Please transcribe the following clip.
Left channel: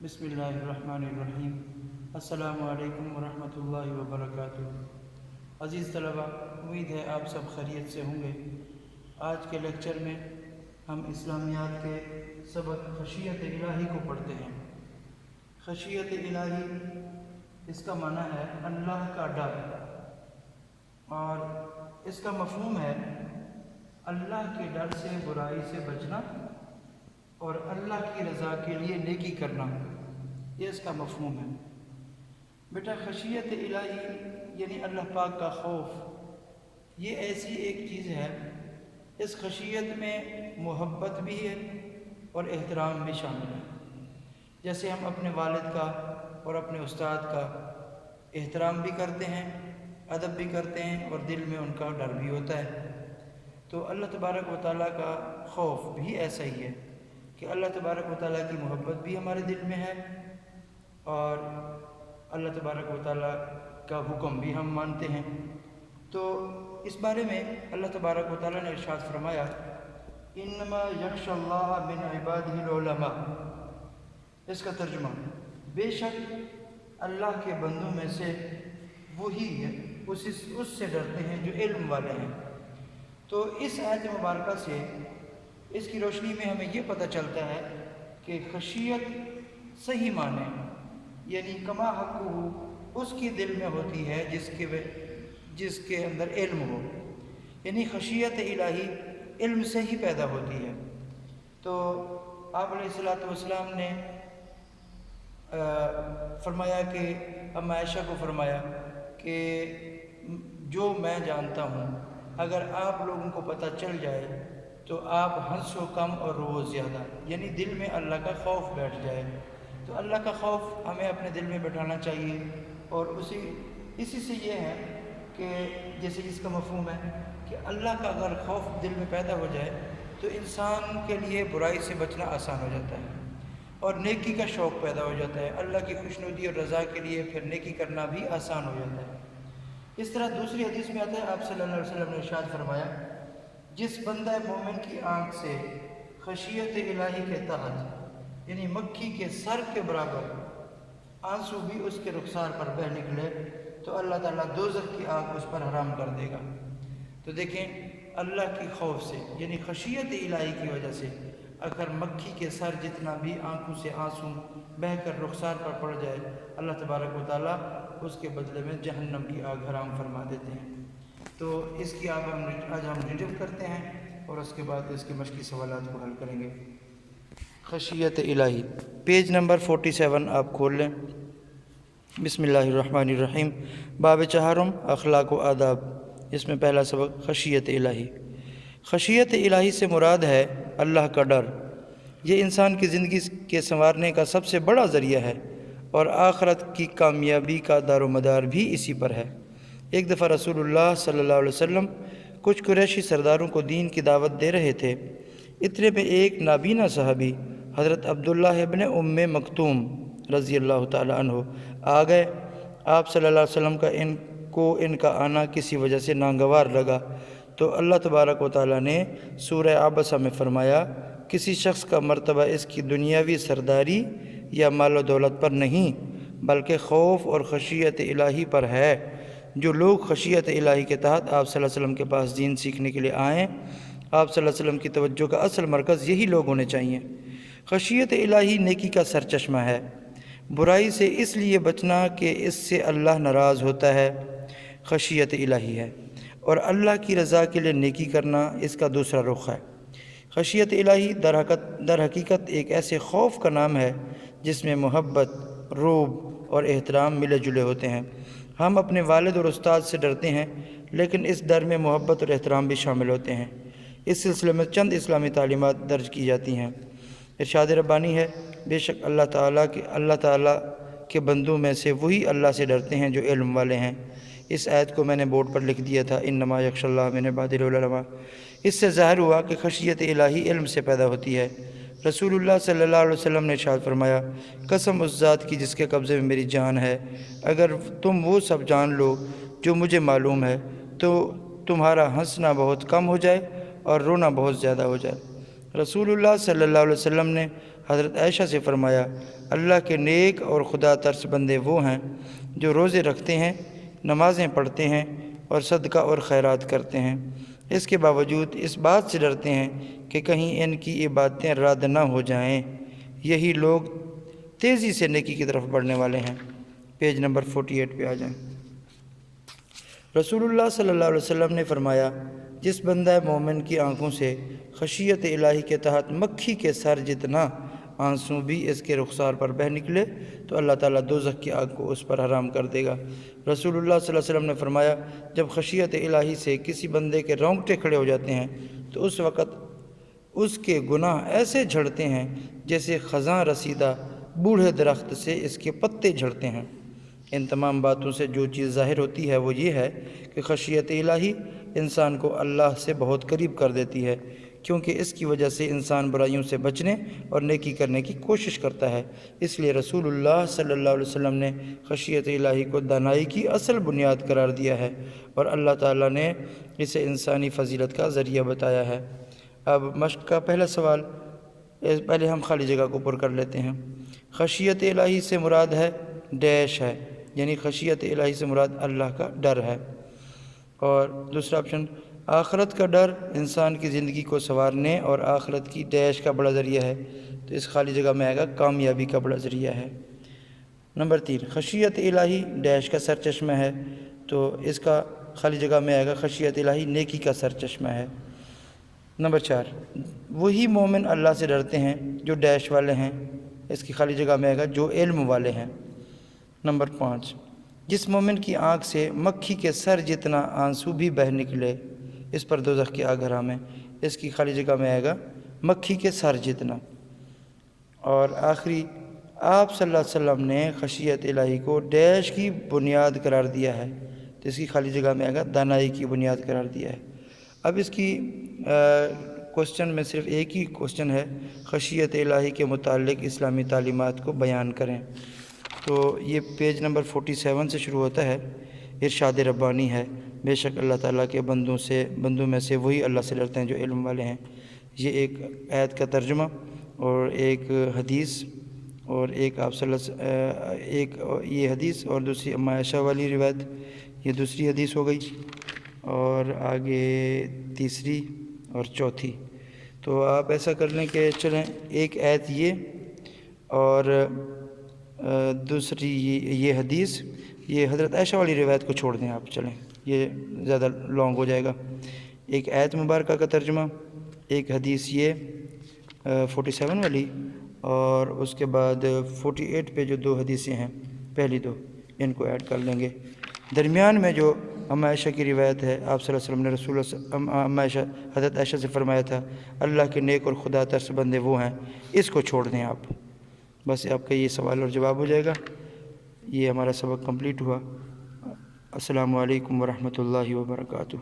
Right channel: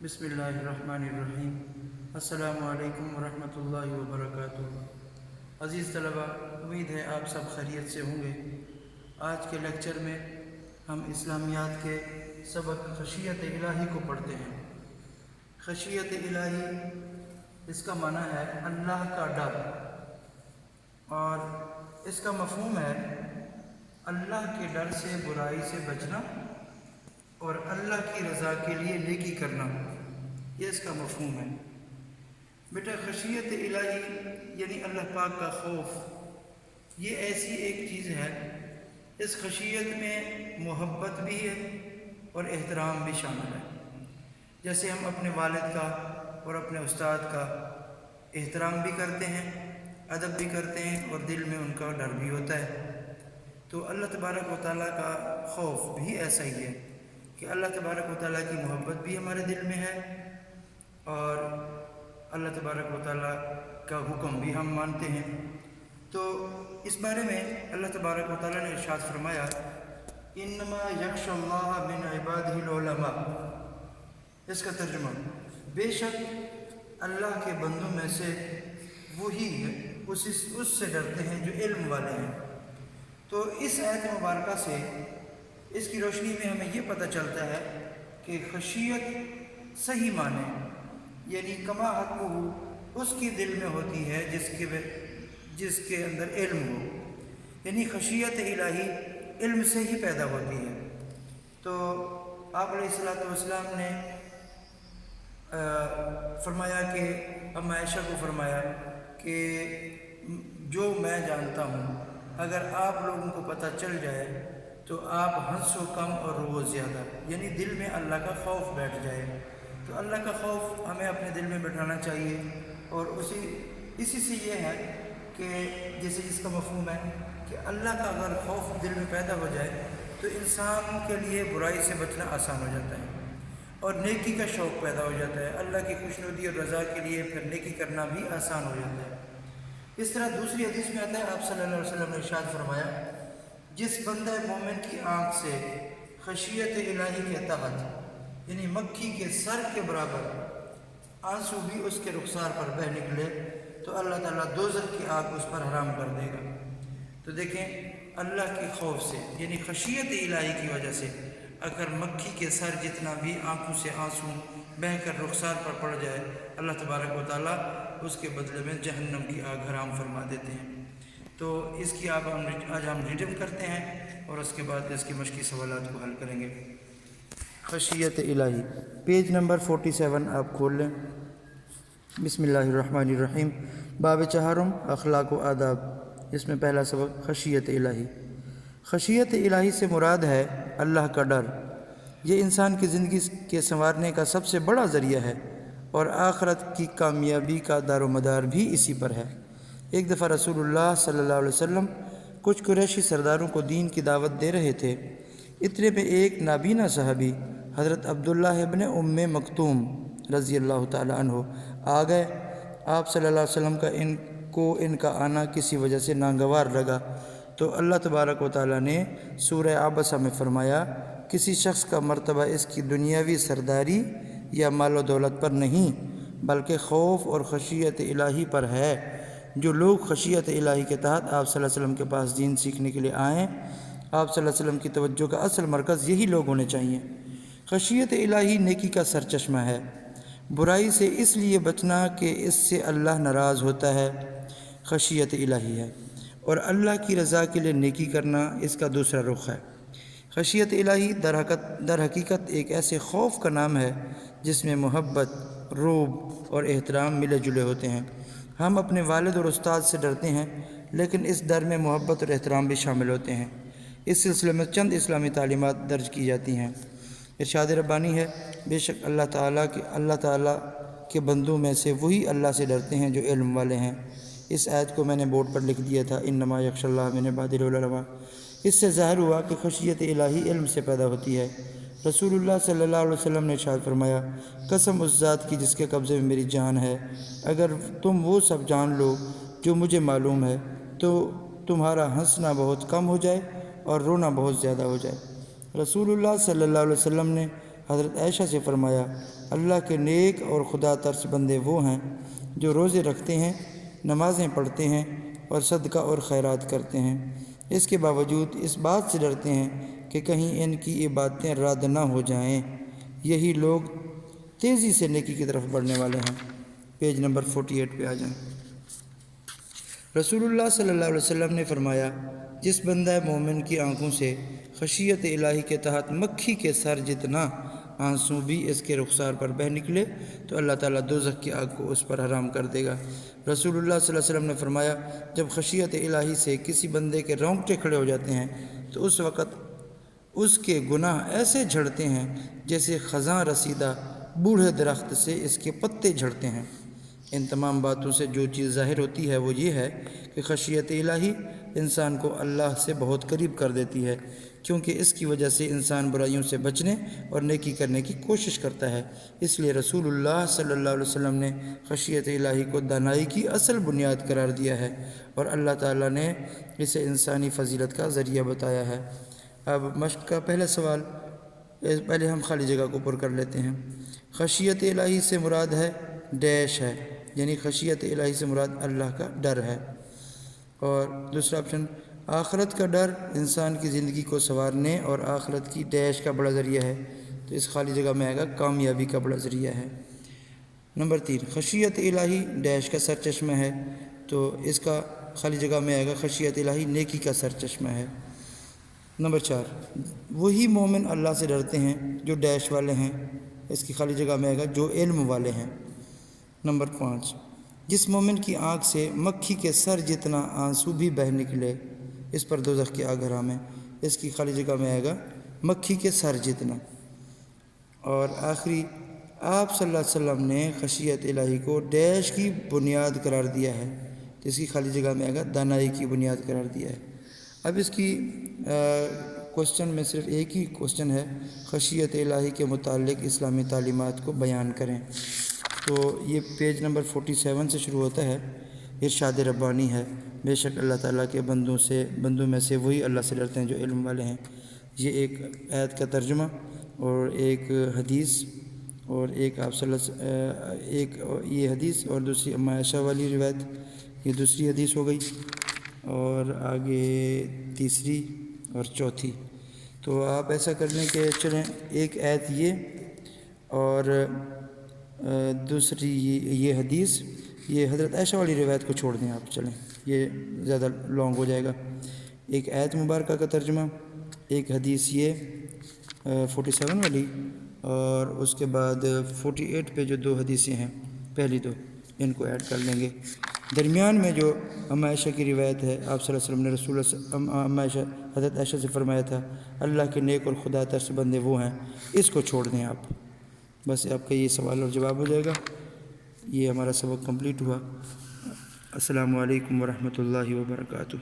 بسم اللہ الرحمن الرحیم۔ السلام علیکم ورحمۃ اللہ وبرکاتہ۔ عزیز طلبہ، امید ہے آپ سب خیریت سے ہوں گے۔ آج کے لیکچر میں ہم اسلامیات کے سبق خشیت الہی کو پڑھتے ہیں۔ خشیت الہی اس کا معنی ہے اللہ کا ڈر، اور اس کا مفہوم ہے اللہ کے ڈر سے برائی سے بچنا اور اللہ کی رضا کے لیے نیکی کرنا، یہ اس کا مفہوم ہے۔ بیٹا، خشیت الہی یعنی اللہ پاک کا خوف، یہ ایسی ایک چیز ہے، اس خشیت میں محبت بھی ہے اور احترام بھی شامل ہے۔ جیسے ہم اپنے والد کا اور اپنے استاد کا احترام بھی کرتے ہیں، ادب بھی کرتے ہیں، اور دل میں ان کا ڈر بھی ہوتا ہے، تو اللہ تبارک و تعالیٰ کا خوف بھی ایسا ہی ہے کہ اللہ تبارک و تعالیٰ کی محبت بھی ہمارے دل میں ہے، اور اللہ تبارک و تعالیٰ کا حکم بھی ہم مانتے ہیں۔ تو اس بارے میں اللہ تبارک و تعالیٰ نے ارشاد فرمایا، انما یخش اللہ من عبادہ العلماء۔ اس کا ترجمہ، بے شک اللہ کے بندوں میں سے وہی اس سے ڈرتے ہیں جو علم والے ہیں۔ تو اس آیت مبارکہ سے اس کی روشنی میں ہمیں یہ پتہ چلتا ہے کہ خشیت صحیح معنی یعنی کما حقہ اس کی دل میں ہوتی ہے جس کے اندر علم ہو، یعنی خشیت الہی علم سے ہی پیدا ہوتی ہے۔ تو آپ علیہ الصلوۃ والسلام نے فرمایا کہ ام عائشہ کو فرمایا کہ جو میں جانتا ہوں اگر آپ لوگوں کو پتہ چل جائے تو آپ ہنسو کم اور رو زیادہ، یعنی دل میں اللہ کا خوف بیٹھ جائے۔ تو اللہ کا خوف ہمیں اپنے دل میں بٹھانا چاہیے، اور اسی سے یہ ہے کہ جیسے اس کا مفہوم ہے کہ اللہ کا اگر خوف دل میں پیدا ہو جائے تو انسان کے لیے برائی سے بچنا آسان ہو جاتا ہے، اور نیکی کا شوق پیدا ہو جاتا ہے۔ اللہ کی خوشنودی اور رضا کے لیے پھر نیکی کرنا بھی آسان ہو جاتا ہے۔ اس طرح دوسری حدیث میں آتا ہے، آپ صلی اللہ علیہ وسلم نے ارشاد فرمایا، جس بندہ مومن کی آنکھ سے خشیت الہی کے تحت یعنی مکھی کے سر کے برابر آنسو بھی اس کے رخسار پر بہہ نکلے تو اللہ تعالیٰ دوزخ کی آگ اس پر حرام کر دے گا۔ تو دیکھیں، اللہ کی خوف سے یعنی خشیت الہی کی وجہ سے اگر مکھی کے سر جتنا بھی آنکھوں سے آنسو بہہ کر رخسار پر پڑ جائے، اللہ تبارک و تعالیٰ اس کے بدلے میں جہنم کی آگ حرام فرما دیتے ہیں۔ تو اس کی آج ہم ریڈنگ کرتے ہیں، اور اس کے بعد اس کی مشقی سوالات کو حل کریں گے۔ خشیت الہی، پیج نمبر 47 آپ کھول لیں۔ بسم اللہ الرحمن الرحیم۔ باب چہارم، اخلاق و آداب۔ اس میں پہلا سبق خشیت الہی۔ خشیت الہی سے مراد ہے اللہ کا ڈر۔ یہ انسان کی زندگی کے سنوارنے کا سب سے بڑا ذریعہ ہے، اور آخرت کی کامیابی کا دار و مدار بھی اسی پر ہے۔ ایک دفعہ رسول اللہ صلی اللہ علیہ وسلم کچھ قریشی سرداروں کو دین کی دعوت دے رہے تھے۔ اتنے میں ایک نابینا صحابی حضرت عبداللہ ابن ام مکتوم رضی اللہ تعالی عنہ آ گئے۔ آپ صلی اللہ علیہ وسلم کا ان کا آنا کسی وجہ سے ناگوار لگا، تو اللہ تبارک و تعالیٰ نے سورہ عبسہ میں فرمایا، کسی شخص کا مرتبہ اس کی دنیاوی سرداری یا مال و دولت پر نہیں بلکہ خوف اور خشیت الہی پر ہے۔ جو لوگ خشیت الہی کے تحت آپ صلی اللہ علیہ وسلم کے پاس دین سیکھنے کے لیے آئیں، آپ صلی اللہ علیہ وسلم کی توجہ کا اصل مرکز یہی لوگ ہونے چاہیے۔ خشیت الہی نیکی کا سرچشمہ ہے۔ برائی سے اس لیے بچنا کہ اس سے اللہ ناراض ہوتا ہے، خشیت الہی ہے، اور اللہ کی رضا کے لیے نیکی کرنا اس کا دوسرا رخ ہے۔ خشیت الہی در حقیقت ایک ایسے خوف کا نام ہے جس میں محبت، رعب اور احترام ملے جلے ہوتے ہیں۔ ہم اپنے والد اور استاد سے ڈرتے ہیں، لیکن اس ڈر میں محبت اور احترام بھی شامل ہوتے ہیں۔ اس سلسلے میں چند اسلامی تعلیمات درج کی جاتی ہیں۔ ارشاد ربانی ہے، بے شک اللہ تعالیٰ کے بندوں میں سے وہی اللہ سے ڈرتے ہیں جو علم والے ہیں۔ اس آیت کو میں نے بورڈ پر لکھ دیا تھا، انما یخشی اللہ من عبادہ العلماء۔ اس سے ظاہر ہوا کہ خشیت الہی علم سے پیدا ہوتی ہے۔ رسول اللہ صلی اللہ علیہ وسلم نے ارشاد فرمایا، قسم اس ذات کی جس کے قبضے میں میری جان ہے، اگر تم وہ سب جان لو جو مجھے معلوم ہے تو تمہارا ہنسنا بہت کم ہو جائے اور رونا بہت زیادہ ہو جائے۔ رسول اللہ صلی اللہ علیہ وسلم نے حضرت عائشہ سے فرمایا اللہ کے نیک اور خدا ترس بندے وہ ہیں جو روزے رکھتے ہیں، نمازیں پڑھتے ہیں اور صدقہ اور خیرات کرتے ہیں، اس کے باوجود اس بات سے ڈرتے ہیں کہ کہیں ان کی عبادتیں رد نہ ہو جائیں، یہی لوگ تیزی سے نیکی کی طرف بڑھنے والے ہیں۔ پیج نمبر 48 پہ آ جائیں۔ رسول اللہ صلی اللہ علیہ وسلم نے فرمایا جس بندہ مومن کی آنکھوں سے خشیت الہی کے تحت مکھی کے سر جتنا آنسو بھی اس کے رخسار پر بہہ نکلے تو اللہ تعالیٰ دوزخ کی آگ کو اس پر حرام کر دے گا۔ رسول اللہ صلی اللہ علیہ وسلم نے فرمایا جب خشیت الہی سے کسی بندے کے رونگٹے کھڑے ہو جاتے ہیں تو اس وقت اس کے گناہ ایسے جھڑتے ہیں جیسے خزاں رسیدہ بوڑھے درخت سے اس کے پتے جھڑتے ہیں۔ ان تمام باتوں سے جو چیز ظاہر ہوتی ہے وہ یہ ہے کہ خشیت الہی انسان کو اللہ سے بہت قریب کر دیتی ہے، کیونکہ اس کی وجہ سے انسان برائیوں سے بچنے اور نیکی کرنے کی کوشش کرتا ہے۔ اس لیے رسول اللہ صلی اللہ علیہ وسلم نے خشیت الہی کو دانائی کی اصل بنیاد قرار دیا ہے اور اللہ تعالیٰ نے اسے انسانی فضیلت کا ذریعہ بتایا ہے۔ اب مشق کا پہلا سوال، پہلے ہم خالی جگہ کو پر کر لیتے ہیں۔ خشیت الہی سے مراد ہے ڈیش ہے، یعنی خشیت الہی سے مراد اللہ کا ڈر ہے۔ اور دوسرا آپشن آخرت کا ڈر انسان کی زندگی کو سنوارنے اور آخرت کی ڈیش کا بڑا ذریعہ ہے، تو اس خالی جگہ میں آئے گا کامیابی کا بڑا ذریعہ ہے۔ نمبر 3 خشیت الہی ڈیش کا سرچشمہ ہے، تو اس کا خالی جگہ میں آئے گا خشیت الہی نیکی کا سرچشمہ ہے۔ نمبر 4 وہی مومن اللہ سے ڈرتے ہیں جو ڈیش والے ہیں، اس کی خالی جگہ میں آئے گا جو علم والے ہیں۔ نمبر 5 جس مومن کی آنکھ سے مکھی کے سر جتنا آنسو بھی بہہ نکلے اس پر دوزخ کی آگ حرام ہے، اس کی خالی جگہ میں آئے گا مکھی کے سر جتنا۔ اور آخری آپ صلی اللہ علیہ وسلم نے خشیت الہی کو ڈیش کی بنیاد قرار دیا ہے، تو اس کی خالی جگہ میں آئے گا دانائی کی بنیاد قرار دیا ہے۔ اب اس کی کوسچن میں صرف ایک ہی کوسچن ہے، خشیت الہی کے متعلق اسلامی تعلیمات کو بیان کریں۔ تو یہ پیج نمبر 47 سے شروع ہوتا ہے، ارشاد ربانی ہے بے شک اللہ تعالیٰ کے بندوں میں سے وہی اللہ سے ڈرتے ہیں جو علم والے ہیں۔ یہ ایک آیت کا ترجمہ اور ایک حدیث اور ایک ایک یہ حدیث اور دوسری ام عائشہ والی روایت، یہ دوسری حدیث ہو گئی، اور آگے تیسری اور چوتھی۔ تو آپ ایسا کر لیں کہ چلیں ایک آیت یہ اور دوسری یہ حدیث، یہ حضرت عائشہ والی روایت کو چھوڑ دیں آپ، چلیں یہ زیادہ لانگ ہو جائے گا۔ ایک آیت مبارکہ کا ترجمہ، ایک حدیث یہ 47 والی، اور اس کے بعد 48 پہ جو 2 حدیثیں ہیں پہلی 2 ان کو ایڈ کر لیں گے۔ درمیان میں جو ام عائشہ کی روایت ہے، آپ صلی اللہ علیہ وسلم نے رسول حضرت عائشہ سے فرمایا تھا اللہ کے نیک اور خدا ترس بندے وہ ہیں، اس کو چھوڑ دیں آپ، بس آپ کا یہ سوال اور جواب ہو جائے گا۔ یہ ہمارا سبق کمپلیٹ ہوا۔ السلام علیکم ورحمۃ اللہ وبرکاتہ۔